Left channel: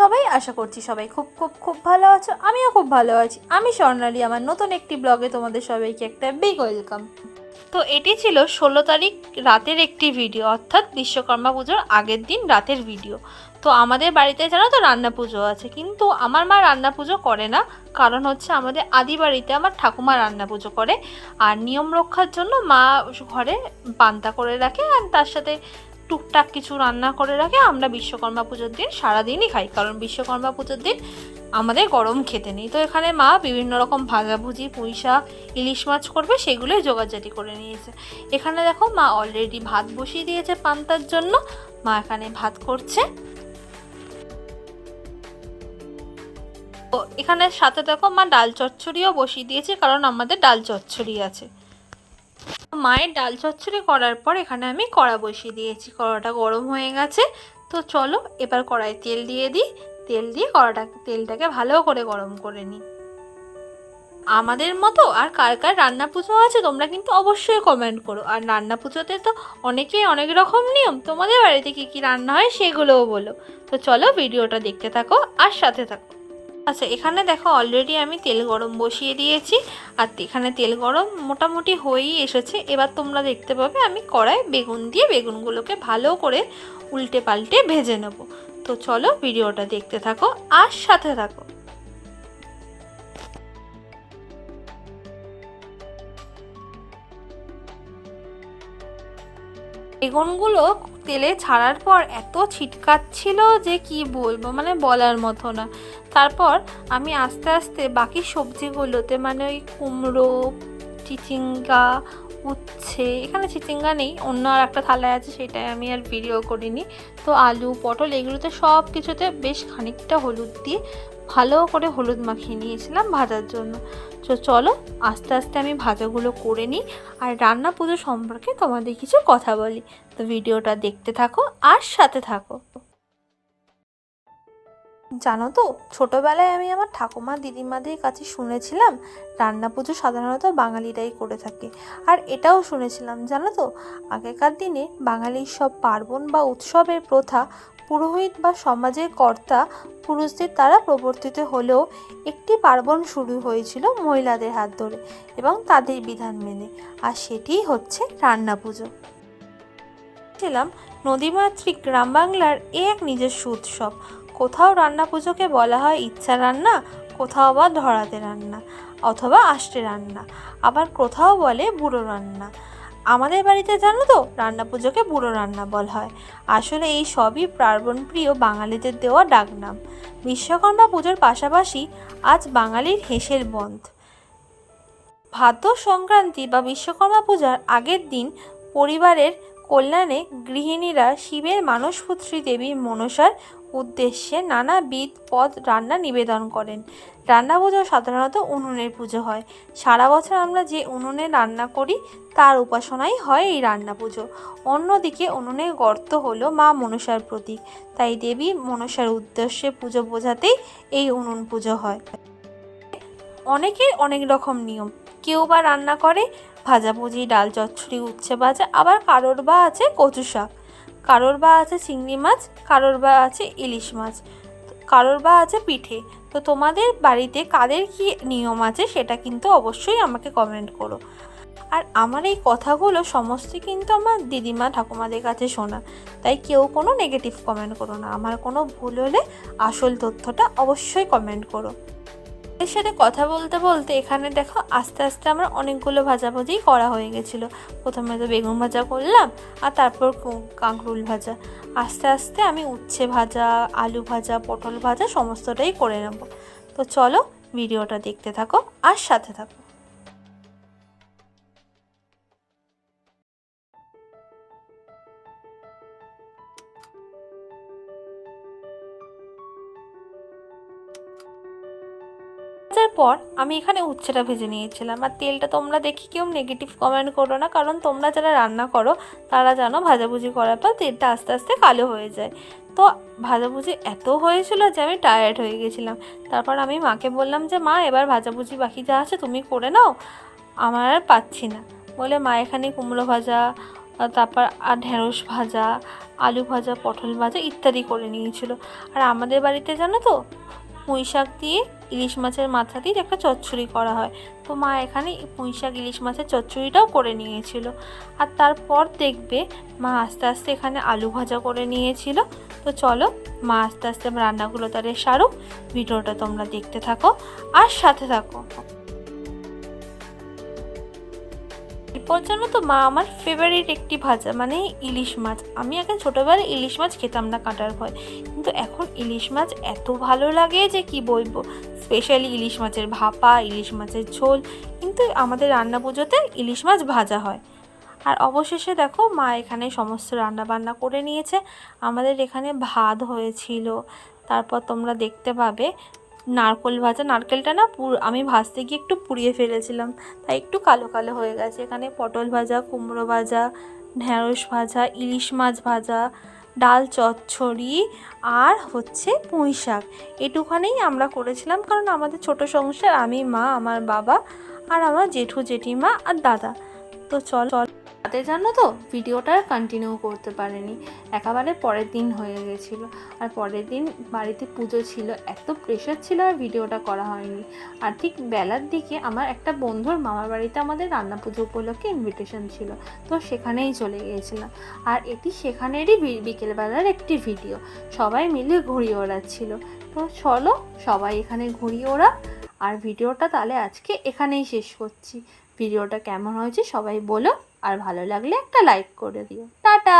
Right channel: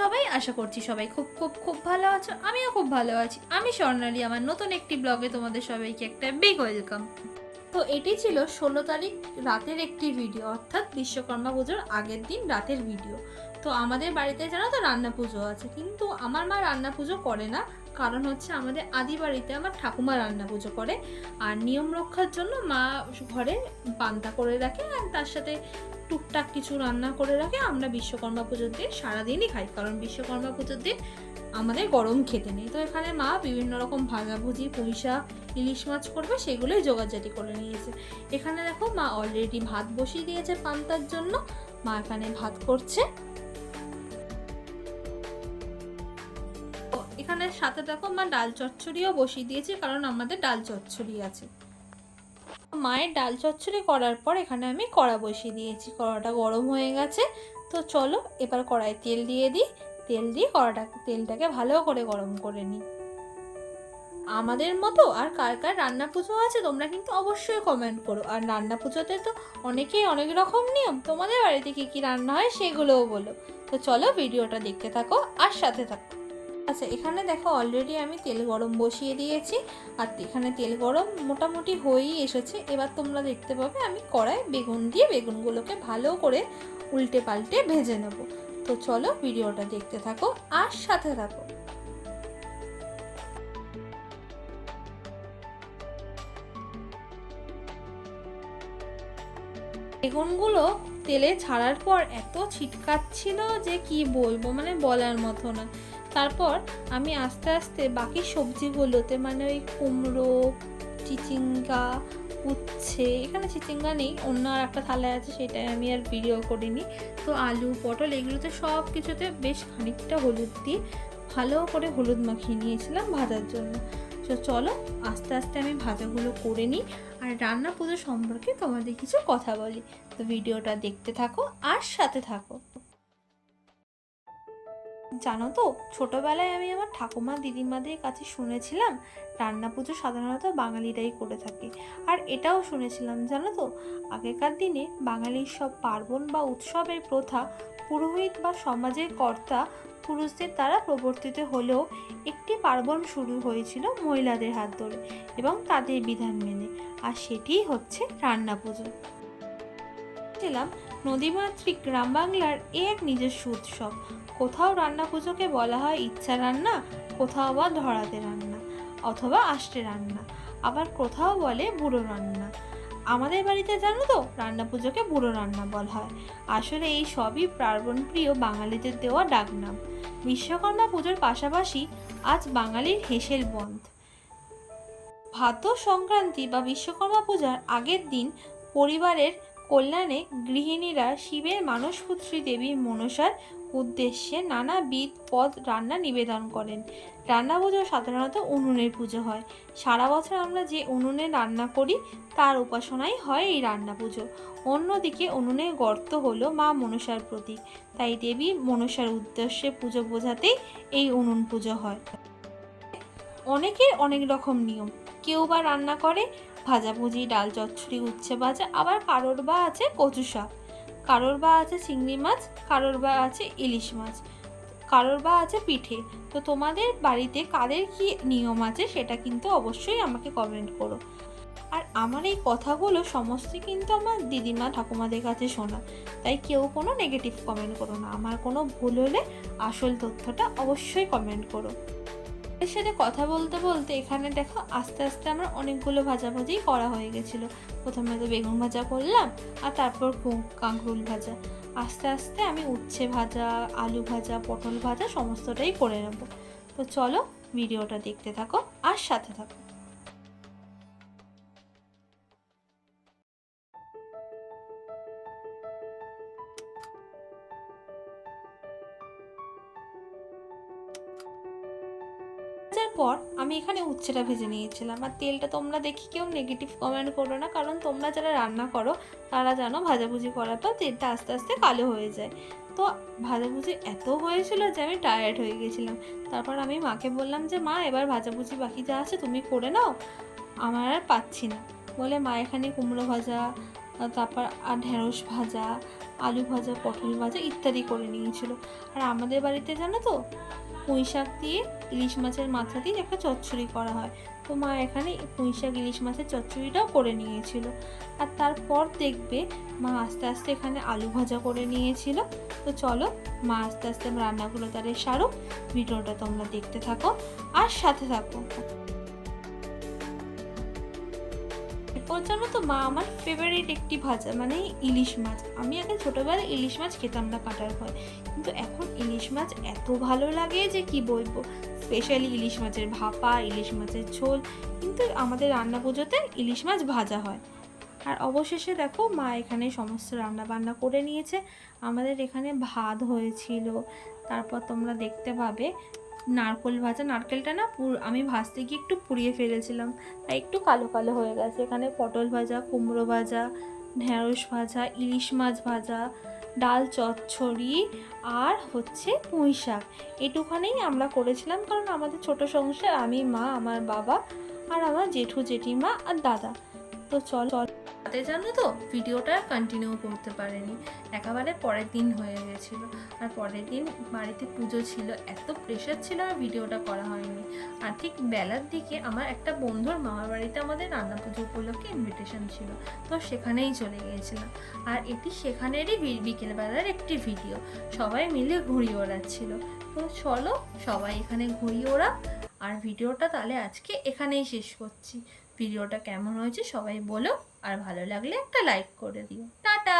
সবাই? আশা করছি সবাই খুব খুব খুব ভালো আছো। আমিও খুব ভালো আছি। আমি স্বর্ণালী, আমার নতুন একটি ব্লগে তোমাদের সবাইকে একটা বিগ ওয়েলকাম। তো এটি ছিল 16 তারিখ রাতের একটি ভিডিও, অর্থাৎ বিশ্বকর্মা পুজোর আগের দিন রাতের ভিডিও। তো আমাদের বাড়িতে জানো তো রান্না পুজো আছে, কিন্তু আমার মা রান্না পুজো করে না। কারণ হচ্ছে আমাদের আদি বাড়িতে আমার ঠাকুমা রান্না পুজো করে, আর নিয়ম রক্ষার জন্য মা ঘরে পান্তা করে রাখে, আর তার সাথে টুকটাক কিছু রান্না করে রাখে। আমরা বিশ্বকর্মা পুজোর দিন সারাদিনই খাই, কারণ বিশ্বকর্মা পুজোর দিন আমাদের গরম খেতে নেই। তো এখানে মা বিভিন্ন রকম ভাজাভুজি, পুঁই শাক, ইলিশ মাছ করবে, সেগুলোই জোগাড়জাটি করে নিয়েছে। এখানে দেখো মা অলরেডি ভাত বসিয়ে দিয়েছে পান্তার জন্য। মা এখানে ভাত করছে। ও এখানে সাথে দেখো মা ডাল চচ্চড়িও বসিয়ে দিয়েছে, কারণ আমাদের ডাল চচ্চড়ি আছে। মায়ের ডাল চচ্চড়ি করার পর এখানে আমি কড়া বসিয়ে দিয়েছি। কড়াটা গরম হয়ে গেছে। তো চলো এবার কড়াই তেল দিয়ে দিই। তেল দিয়ে তেলটাকে ভালো করে গরম করে নিই। আমাদের মতো আর কার কার রান্না পুজো আছে তোমরা কিন্তু অবশ্যই কমেন্ট করো। আর রান্না পুজোতে তো অনেকেই অনেক রকম নিয়ম, তোমাদের বাড়িতে কী কী রান্না হয় সেগুলোও বলো। তো চলো ভিডিওটা দেখতে থাকো আর সাথে থাকো। আচ্ছা, এখানে দেখো অলরেডি আমি তেল গরম বসিয়ে দিয়েছি, আর এখানে তেল গরম মোটামুটি হয়েই এসেছে। এবার তোমরা দেখতে পাবে আমি কড়াই বেগুন দিয়ে বেগুনগুলোকে ভালো করে উল্টে পাল্টে ভেজে নেব। তো চলো ভিডিওটা দেখতে থাকো আর সাথে থাকো। বেগুনগুলো তেলে ছাড়ার পর এত ছিটকাচ্ছিল যে কি বলবো, মানে বলার মতো না। তারপর আমি আস্তে আস্তে বাকি সবজিগুলোতে, মানে ওই কুমড়ো, চিচিঙ্গা, উচ্ছে, এখানে চিচিঙ্গা নেই, অন্য আর একটা থালায় আছে, সেটাই আমি আর ভিডিও করিনি। তো আলু, পটল, এগুলোতে সব কিছুতে বেশ খানিকটা হলুদ দিয়ে ভালো করে হলুদ মাখিয়ে নিয়েছিলাম ভাজার জন্য। তো চলো আস্তে আস্তে আমি ভাজাগুলো করে নিই, আর রান্না পুজো সম্পর্কে তোমাদের কিছু কথা বলি। তো ভিডিওটা দেখতে থাকো আর সাথে থাকো। জানো তো, ছোটোবেলায় আমি আমার ঠাকুমা দিদিমাদের কাছে শুনেছিলাম রান্না পুজো সাধারণত বাঙালিরাই করে থাকে। আর এটাও শুনেছিলাম জানো তো, আগেকার দিনে বাঙালির সব পার্বণ বা উৎসবের প্রথা পুরোহিত বা সমাজের কর্তা পুরুষদের দ্বারা প্রবর্তিত হলেও একটি পার্বণ শুরু হয়েছিল মহিলাদের হাত ধরে এবং তাদের বিধান মেনে, আর সেটিই হচ্ছে রান্না পুজো। ছিলাম নদীমাতৃক গ্রাম বাংলার এক নিজস্ব উৎসব। কোথাও রান্না পুজোকে বলা হয় ইচ্ছা রান্না, কোথাও বা ধরাতে রান্না অথবা আষ্টে রান্না, আবার কোথাও বলে বুড়ো রান্না। আমাদের বাড়িতে জানো তো রান্না পুজোকে বুড়ো রান্না বলা হয়। আসলে এই সবই পার্বণ প্রিয় বাঙালিদের দেওয়া ডাকনাম। বিশ্বকর্মা পুজোর পাশাপাশি আজ বাঙালির হেসের বন্ধ। ভাদ্র সংক্রান্তি বা বিশ্বকর্মা পূজার আগের দিন পরিবারের কল্যাণে গৃহিণীরা শিবের মানসপুত্রী দেবী মনসার উদ্দেশ্যে নানাবিধ পদ রান্না নিবেদন করেন। রান্না পুজো সাধারণত উনুনের পুজো হয়। সারা বছর আমরা যে উনুনে রান্না করি তার উপাসনাই হয় এই রান্না পুজো। অন্যদিকে উনুনের গর্ত হলো মা মনসার প্রতীক, তাই দেবী মনসার উদ্দেশ্যে পুজো বোঝাতেই এই উনুন পুজো হয়। অনেকের অনেক রকম নিয়ম। কেউ বা রান্না করে ভাজাভুজি, ডাল চচ্চড়ি, উচ্ছে ভাজা, আবার কারোর বা আছে কচু শাক, কারোর বা আছে চিংড়ি মাছ, কারোর বা আছে ইলিশ মাছ, কারোর বা আছে পিঠে। তো তোমাদের বাড়িতে কাদের কি নিয়ম আছে সেটা কিন্তু অবশ্যই আমাকে কমেন্ট করো। আর আমার এই কথাগুলো সমস্তই কিন্তু আমার দিদিমা ঠাকুমাদের কাছে শোনা, তাই কেউ কোনো নেগেটিভ কমেন্ট করো না। আমার কোনো ভুল হলে আসল তথ্যটা অবশ্যই কমেন্ট করো। এর সাথে কথা বলতে বলতে এখানে দেখো আস্তে আস্তে আমার অনেকগুলো ভাজাভাজি করা হয়ে গেছিলো। প্রথমে তো বেগুন ভাজা করলাম, আর তারপর কাঁকরোল ভাজা। আস্তে আস্তে আমি উচ্ছে ভাজা, আলু ভাজা, পটল ভাজা সমস্তটাই করে নেব। তো চলো ভিডিওটা দেখতে থাকো আর সাথে থাকো। পর আমি এখানে উচ্ছেটা ভেজে নিয়েছিলাম। আর তেলটা তোমরা দেখি কেউ নেগেটিভ কমেন্ট করো না, কারণ তোমরা যারা রান্না করো তারা জানো ভাজাভুজি করার পর তেলটা আস্তে আস্তে কালো হয়ে যায়। তো ভাজাভুজি এত হয়েছিল যে আমি টায়ার্ড হয়ে গেছিলাম। তারপর আমি মাকে বললাম যে মা, এবার ভাজাভুজি বাকি যা আছে তুমি করে নাও, আমার আর পাচ্ছি না। বলে মা এখানে কুমড়ো ভাজা, তারপর আর ঢেঁড়স ভাজা, আলু ভাজা, পটল ভাজা ইত্যাদি করে নিয়েছিল। আর আমাদের বাড়িতে জানো তো পুঁই শাক দিয়ে ইলিশ মাছের মাথা দিয়ে একটা চচ্চড়ি করা হয়, তো মা এখানে পুঁই শাক ইলিশ মাছের চচ্চড়িটাও করে নিয়েছিল। আর তারপর দেখবে মা আস্তে আস্তে এখানে আলু ভাজা করে নিয়েছিল। তো চলো মা আস্তে আস্তে রান্নাগুলো তাদের সারুক, ভিডিওটা তোমরা দেখতে থাকো আর সাথে থাকো। এরপর জানো তো মা আমার ফেভারিট একটি ভাজা মানে ইলিশ মাছ। আমি আগে ছোটোবেলায় ইলিশ মাছ খেতাম না কাঁটার ভয়, কিন্তু এখন ইলিশ মাছ এত ভালো লাগে যে কি বলবো। স্পেশালি ইলিশ মাছের ভাপা, ইলিশ মাছের ঝোল, কিন্তু আমাদের রান্না পুজোতে ইলিশ মাছ ভাজা হয়। আর অবশেষে দেখো মা এখানে সমস্ত রান্না বান্না করে নিয়েছে। আমাদের এখানে ভাত হয়েছিল, তারপর তোমরা দেখতে পাবে নারকেল ভাজা। নারকেলটা না আমি ভাজতে গিয়ে একটু পুড়িয়ে ফেলেছিলাম, তাই একটু কালো কালো হয়ে গেছে। এখানে পটল ভাজা, কুমড়ো ভাজা, ঢেঁড়স ভাজা, ইলিশ মাছ ভাজা, ডাল চচ্চড়ি আর হচ্ছে পুঁই শাক। এটুখানেই আমরা করেছিলাম, কারণ আমাদের ছোট সংসার, আমি, মা, আমার বাবা আর আমার জেঠু জেঠিমা আর দাদা। তো চল তাতে জানো তো ভিডিওটা কন্টিনিউ করতে পারিনি, একেবারে পরের দিন হয়ে গেছিলো। আর পরের দিন বাড়িতে পুজো ছিল, এত প্রেশার ছিল আর ভিডিওটা করা হয়নি। আর ঠিক বেলার দিকে আমার একটা বন্ধুর মামার বাড়িতে আমাদের রান্না পুজো উপলক্ষে ইনভিটেশন ছিল, তো সেখানেই চলে গিয়েছিলাম। আর এটি সেখানেরই বিকেলবেলার একটি ভিডিও, সবাই মিলে ঘুড়ি ওড়াচ্ছিল। তো চলো সবাই এখানে ঘুড়ি ওড়া। আর ভিডিওটা তাহলে আজকে এখানেই শেষ করছি। ভিডিওটা কেমন হয়েছে সবাই বলো, আর ভালো লাগলে একটা লাইক করে দিও। টাটা।